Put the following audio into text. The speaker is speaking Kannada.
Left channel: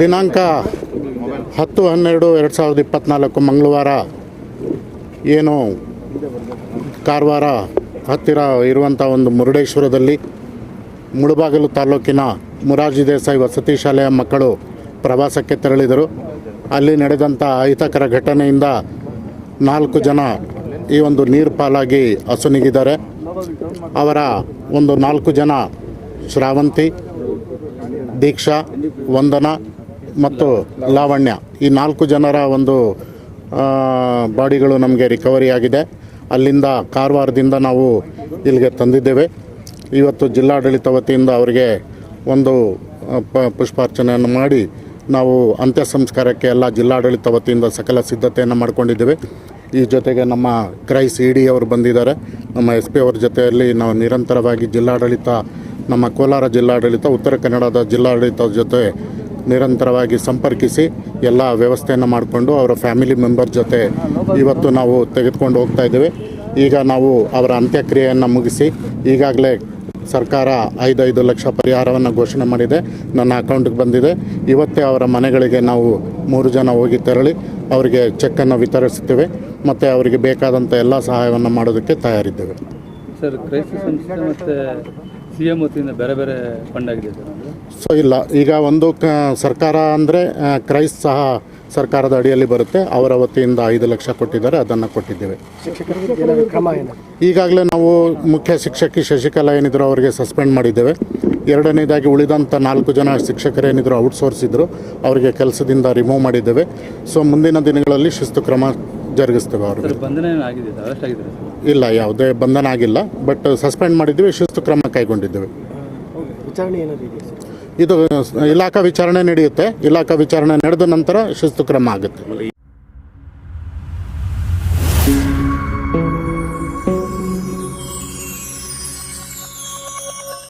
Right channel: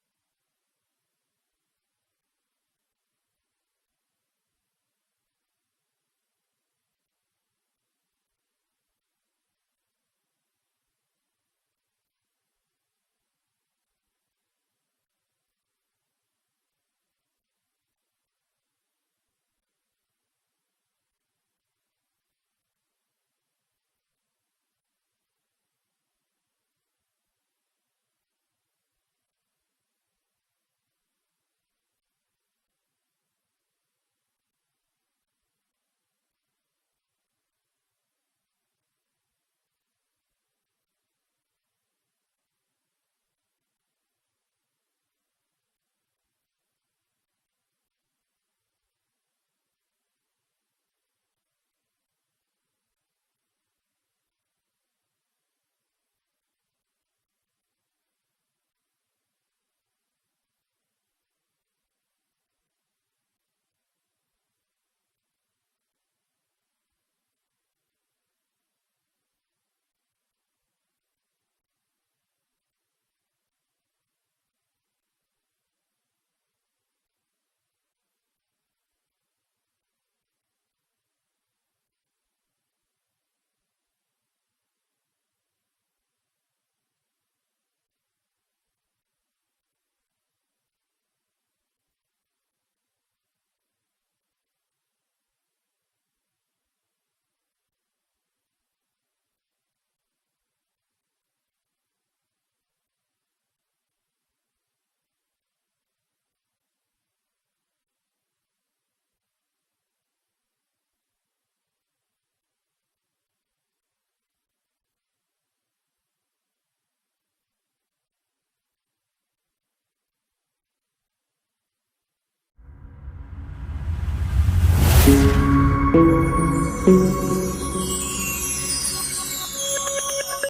ದಿನಾಂಕ ಹತ್ತು ಹನ್ನೆರಡು ಎರಡು ಸಾವಿರದ ಇಪ್ಪತ್ತ್ನಾಲ್ಕು ಮಂಗಳವಾರ. ಏನು ಕಾರವಾರ ಹತ್ತಿರ ಇರುವಂಥ ಒಂದು ಮುರುಡೇಶ್ವರದಲ್ಲಿ ಮುಳುಬಾಗಿಲು ತಾಲೂಕಿನ ಮುರಾರ್ಜಿ ದೇಸಾಯಿ ವಸತಿ ಶಾಲೆಯ ಮಕ್ಕಳು ಪ್ರವಾಸಕ್ಕೆ ತೆರಳಿದರು. ಅಲ್ಲಿ ನಡೆದಂಥ ಅಹಿತಕರ ಘಟನೆಯಿಂದ ನಾಲ್ಕು ಜನ ಈ ಒಂದು ನೀರು ಪಾಲಾಗಿ ಅಸುನಿಗಿದ್ದಾರೆ ಅವರ ಒಂದು ನಾಲ್ಕು ಜನ ಶ್ರಾವಂತಿ ದೀಕ್ಷಾ, ವಂದನ ಮತ್ತು ಲಾವಣ್ಯ. ಈ ನಾಲ್ಕು ಜನರ ಒಂದು ಬಾಡಿಗಳು ನಮಗೆ ರಿಕವರಿ ಆಗಿದೆ. ಅಲ್ಲಿಂದ ಕಾರವಾರದಿಂದ ನಾವು ಇಲ್ಲಿಗೆ ತಂದಿದ್ದೇವೆ. ಇವತ್ತು ಜಿಲ್ಲಾಡಳಿತ ವತಿಯಿಂದ ಅವರಿಗೆ ಒಂದು ಪ, ಪುಷ್ಪಾರ್ಚನೆಯನ್ನು ಮಾಡಿ ನಾವು ಅಂತ್ಯ ಸಂಸ್ಕಾರಕ್ಕೆ ಎಲ್ಲ ಜಿಲ್ಲಾಡಳಿತ ವತಿಯಿಂದ ಸಕಲ ಸಿದ್ಧತೆಯನ್ನು ಮಾಡ್ಕೊಂಡಿದ್ದೇವೆ. ಈ ಜೊತೆಗೆ ನಮ್ಮ ಕ್ರೈಸ್ ಸಿ ಡಿ ಅವರು ಬಂದಿದ್ದಾರೆ. ನಮ್ಮ ಎಸ್ ಪಿ ಅವರ ಜೊತೆಯಲ್ಲಿ ನಾವು ನಿರಂತರವಾಗಿ ಜಿಲ್ಲಾಡಳಿತ, ನಮ್ಮ ಕೋಲಾರ ಜಿಲ್ಲಾಡಳಿತ, ಉತ್ತರ ಕನ್ನಡದ ಜಿಲ್ಲಾಡಳಿತದ ಜೊತೆ ನಿರಂತರವಾಗಿ ಸಂಪರ್ಕಿಸಿ ಎಲ್ಲ ವ್ಯವಸ್ಥೆಯನ್ನು ಮಾಡಿಕೊಂಡು ಅವರ ಫ್ಯಾಮಿಲಿ ಮೆಂಬರ್ ಜೊತೆ ಇವತ್ತು ನಾವು ತೆಗೆದುಕೊಂಡು ಹೋಗ್ತಾ ಇದ್ದೇವೆ. ಈಗ ನಾವು ಅವರ ಅಂತ್ಯಕ್ರಿಯೆಯನ್ನು ಮುಗಿಸಿ ಈಗಾಗಲೇ ಸರ್ಕಾರ ಐದೈದು ಲಕ್ಷ ಪರಿಹಾರವನ್ನು ಘೋಷಣೆ ಮಾಡಿದೆ. ನನ್ನ ಅಕೌಂಟ್ಗೆ ಬಂದಿದೆ. ಇವತ್ತೇ ಅವರ ಮನೆಗಳಿಗೆ ನಾವು ಮೂರು ಜನ ಹೋಗಿ ತೆರಳಿ ಅವರಿಗೆ ಚೆಕ್ಕನ್ನು ವಿತರಿಸುತ್ತೇವೆ. ಮತ್ತು ಅವರಿಗೆ ಬೇಕಾದಂಥ ಎಲ್ಲ ಸಹಾಯವನ್ನು ಮಾಡೋದಕ್ಕೆ ತಯಾರಿದ್ದೇವೆ. ಸರ್ ಕ್ರೈಸ್ತ ಸಂಸ್ಥೆ ಮತ್ತು ವತಿಯಿಂದ ಬೇರೆ ಬೇರೆ ಫಂಡ್ ಆಗಿದೆ ಸೊ ಇಲ್ಲ. ಈಗ ಒಂದು ಸರ್ಕಾರ ಅಂದರೆ ಕ್ರೈಸ್ ಸಹ ಸರ್ಕಾರದ ಅಡಿಯಲ್ಲಿ ಬರುತ್ತೆ. ಅವರ ವತಿಯಿಂದ ಐದು ಲಕ್ಷ ಕೊಟ್ಟಿದ್ದಾರೆ. ಅದನ್ನು ಕೊಟ್ಟಿದ್ದೇವೆ. ಈಗಾಗಲೇ ನಾವು ಮುಖ್ಯ ಶಿಕ್ಷಕಿ ಶಶಿಕಲಾ ಏನಿದ್ರು ಅವರಿಗೆ ಸಸ್ಪೆಂಡ್ ಮಾಡಿದ್ದೇವೆ. ಎರಡನೇದಾಗಿ ಉಳಿದಂಥ ನಾಲ್ಕು ಜನ ಶಿಕ್ಷಕರೇನಿದ್ರು ಔಟ್ಸೋರ್ಸ್ ಇದ್ದರು ಅವರಿಗೆ ಕೆಲಸದಿಂದ ರಿಮೂವ್ ಮಾಡಿದ್ದೇವೆ. ಸೊ ಮುಂದಿನ ದಿನಗಳಲ್ಲಿ ಶಿಸ್ತು ಕ್ರಮ ಜರುಗಿಸ್ತೇವೆ ಅವರು. ಬಂಧನ ಇಲ್ಲ ಯಾವುದೇ ಬಂಧನ ಆಗಿಲ್ಲ ಬಟ್ ಸಸ್ಪೆಂಡ್ ಮಾಡಿದ್ದೀವಿ ಶಿಸ್ತು ಕ್ರಮ ಕೈಗೊಂಡಿದ್ದೇವೆ. ವಿಚಾರಣೆ ಏನಾದ್ರು ಸರ್? ಇದು ಇಲಾಖಾ ವಿಚಾರಣೆ ನಡೆಯುತ್ತೆ. ಇಲಾಖಾ ವಿಚಾರಣೆ ನಡೆದ ನಂತರ ಶಿಸ್ತು ಕ್ರಮ ಆಗುತ್ತೆ.